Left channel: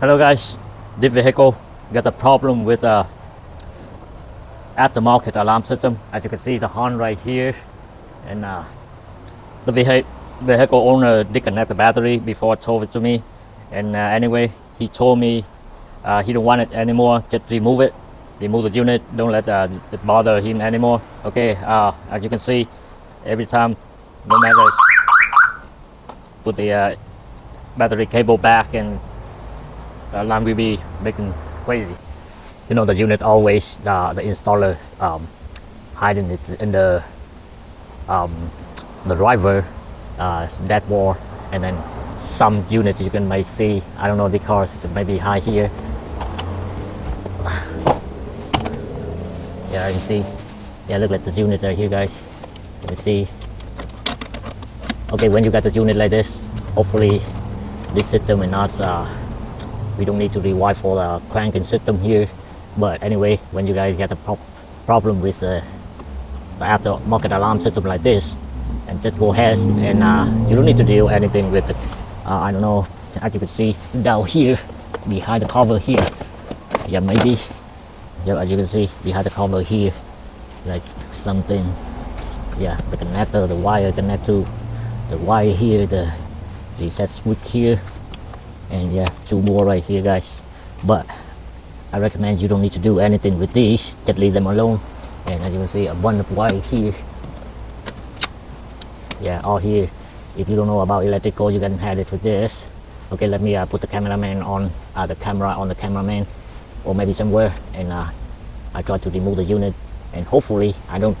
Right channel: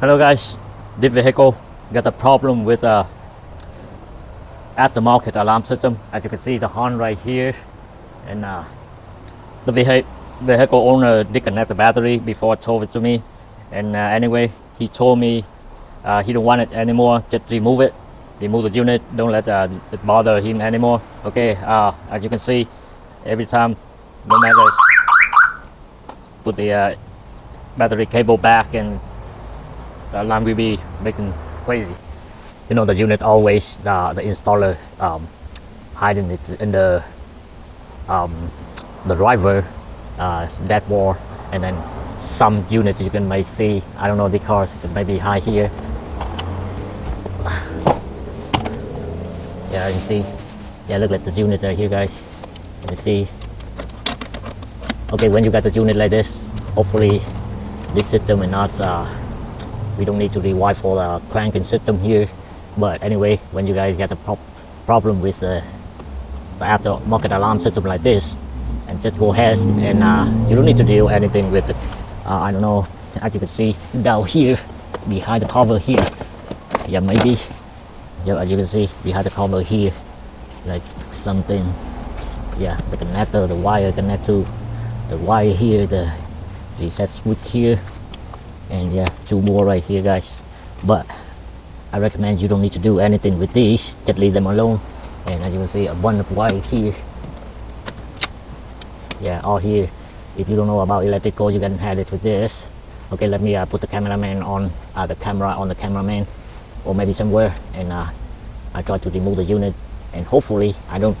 Hello guys, this vehicle got a problem with aftermarket alarm system. As you can see the horn right here, and the vehicle owner disconnected the battery before told it to me. And anyway, he told me he don't want it anymore. Just remove it, remove the unit. Don't let it bother him anymore. Okay, as you can see, every time, no matter put the battery cable back and the alarm will be making crazy. You know, the unit always the installer hiding it in the driver that wall, and then some unit you can may see. I don't know because it may be high here. Yeah, you see. Yeah, look at the unit right here, guys. You see. Okay, when you got the unit like this, hopefully this system will not. We don't need to rewire for the cranking system here. But anyway, when you guys get a problem with the aftermarket alarm system like this, and just go ahead and you don't need to do anything with it. I don't know, as you can see down here, behind the cover here. Yeah, maybe. Yeah, as you can see behind the cover here, like something. Yeah, the connector, the wire connect to the wire here, the reset switch here. And yeah, two more right here, guys. But I recommend you don't need to do anything with these, just leave them alone. And as you can see, a bunch of wire here. Yeah, all here. If you don't know about electrical, you can hide it with this. Okay, let me put the cameraman on the cameraman, or maybe somewhere, and I try to remove the unit. And hopefully, I don't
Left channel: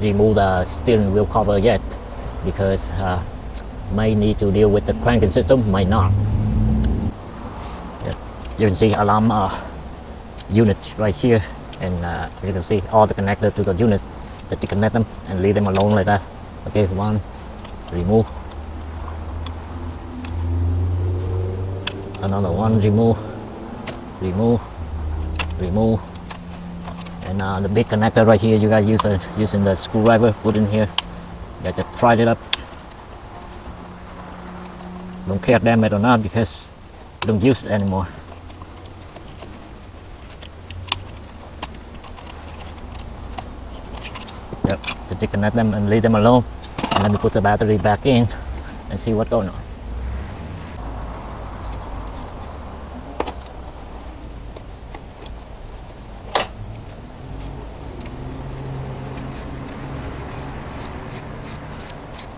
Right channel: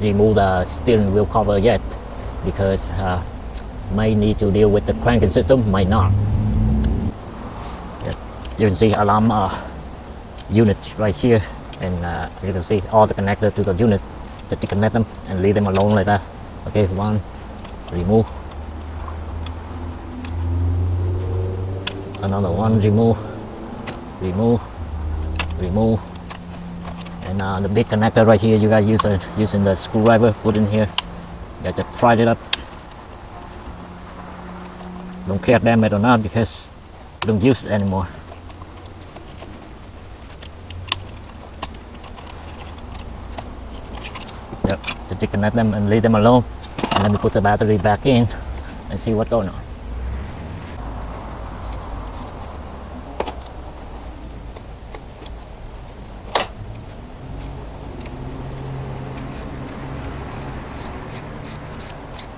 remove the steering wheel cover yet, because might need to deal with the cranking system, might not. Yeah. You can see alarm unit right here, and you can see all the connectors to the unit. Just disconnect them and leave them alone like that. Okay, one, remove. Another one, remove, remove, remove. And the big connector right here, you guys using the screwdriver, put in here. Just pried it up. Don't care damn it or not, because you don't use it anymore. Yep, to disconnect them and leave them alone. And let me put the battery back in and see what's going on.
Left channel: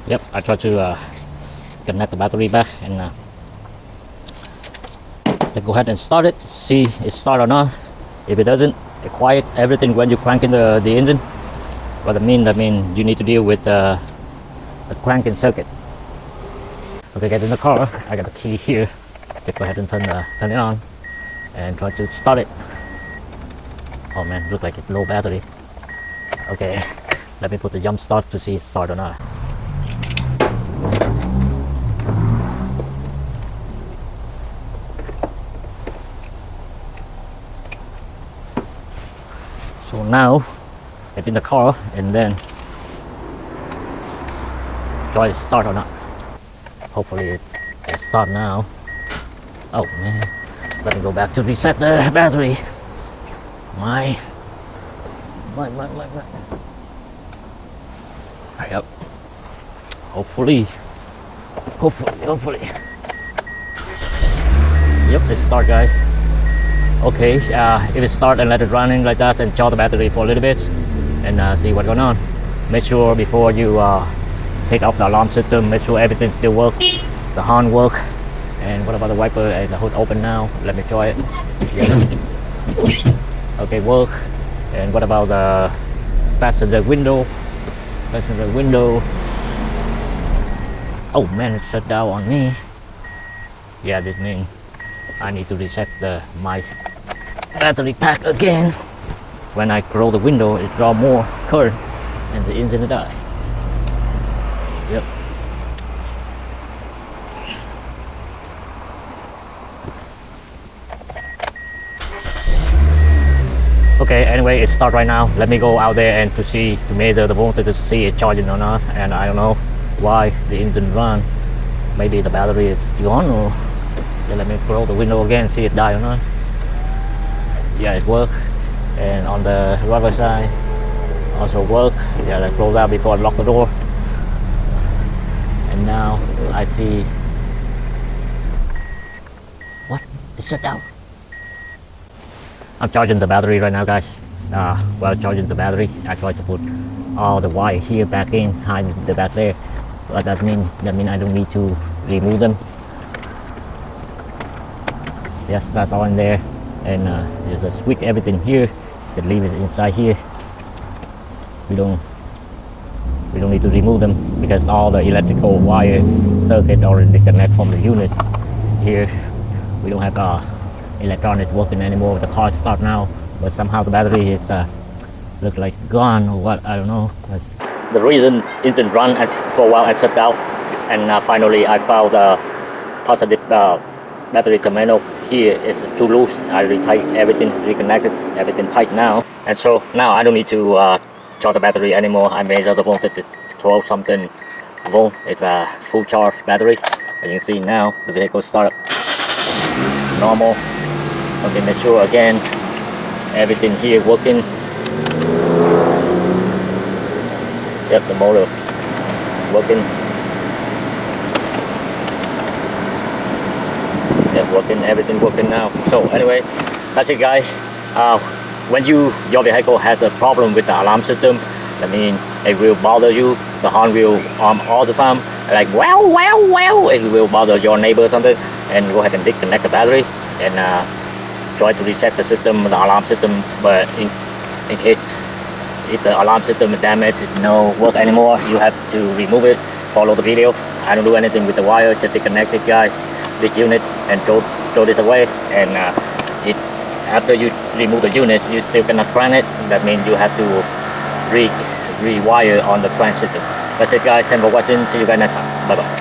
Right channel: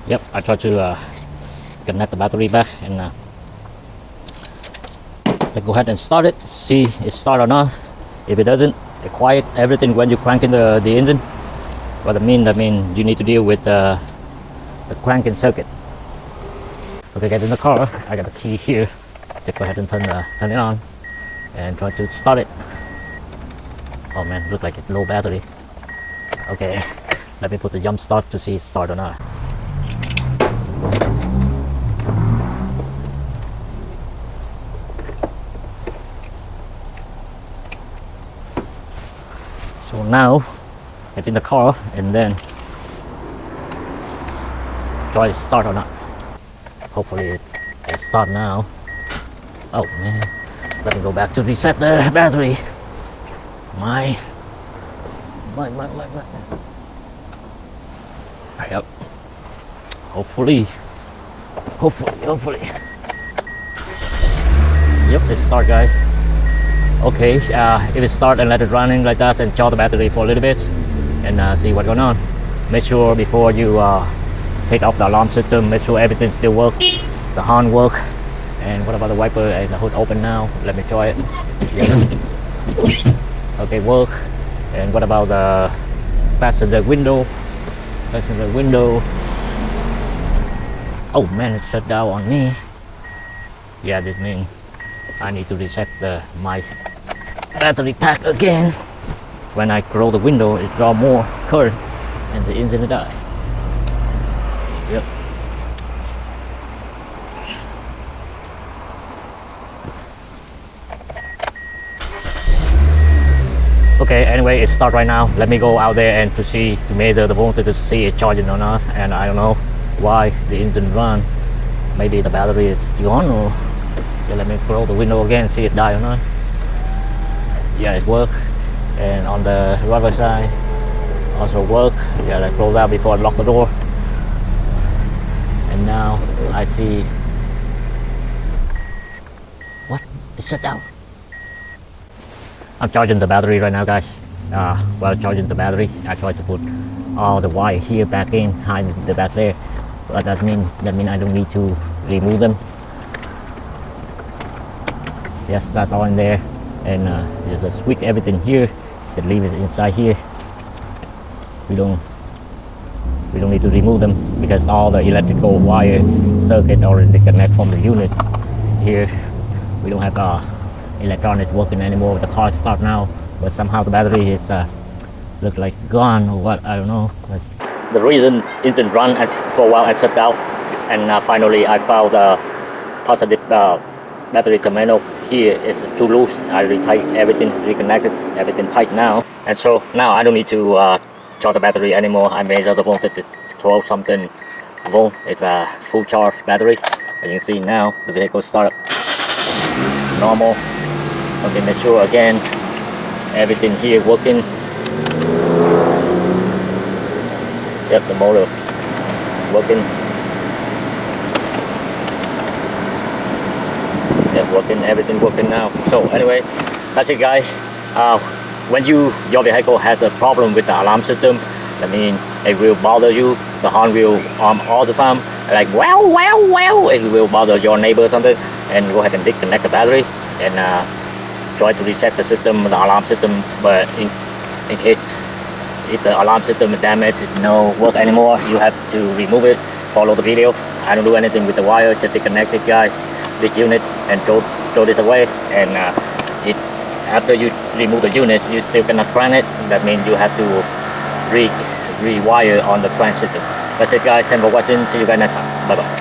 Yep, I tried to connect the battery back, and let's go ahead and start it, see if it starts or not. If it doesn't, it quiet everything when you crank in the engine. That means you need to deal with the cranking circuit. Okay, get in the car. I got the key here. Just go ahead and turn it on and try to start it. Oh man, looks like it's low battery. Okay, let me put the jump start to see if it starts or not. So now, get in the car and then try to start or not. Hopefully it can start now. Oh man, let me go back to reset the battery. My. Yep. Hopefully. Yep, let's start, guys. Okay, it start and let it running like that, and charge the battery for a little bit and see what's going on. Make sure before you take out the alarm system, make sure everything still works, the horn work. And what about the wiper and the hood open now? Let me try it. Yeah. Okay, work. And what about the passenger window? Oh man, it shut down on me. Yeah, this means I need to reset my battery pack again. When I close the window, it draws more current and the engine will die. Yep. Okay, anyway, it starts right now. Let me go out there and to measure the voltage to see it charging or not. And I don't know why the engine run. Maybe the battery is gone, or Then let me roll the window again, see it die or not. Yeah, it worked. And on the rubber side also work. And then I close out before I lock the door. And now I see what? It's shut down. I'm charging the battery right now, guys. While charging the battery, I tried to put all the wire here back in behind the back there. But that means I don't need to remove them. Yes, that's all in there. And there's a switch, everything here. You can leave it inside here. We don't need to remove them because all the electrical wire circuit already disconnected from the units here. We don't have electronics working anymore. The car is start now, but somehow the battery is look like gone or what, I don't know. The reason engine run for a while and shut down, and finally I found positive battery terminal here is too loose. I retighten everything, reconnected everything tight now, and so now I don't need to charge the battery anymore. I may just wanted to 12 something volt. It's a full charge battery. As you can see now, the vehicle start normal. Okay, make sure again everything here working. Yep, the motor working. Yep, working, everything working now. So anyway, that's it, guys. When your vehicle has a problem with the alarm system, that means it will bother you. The horn will all the time, like well. It will bother your neighbor or something. And go ahead and disconnect the battery and try to reset the system, the alarm system. But in case if the alarm system is damaged, it no work anymore, you have to remove it. Follow the video. I don't do anything with the wire, just disconnect it, guys, this unit, and throw this away. And after you remove the units, you still cannot crank it. That means you have to rewire on the crank system. That's it, guys. Thanks for watching. See you guys next time. Bye bye.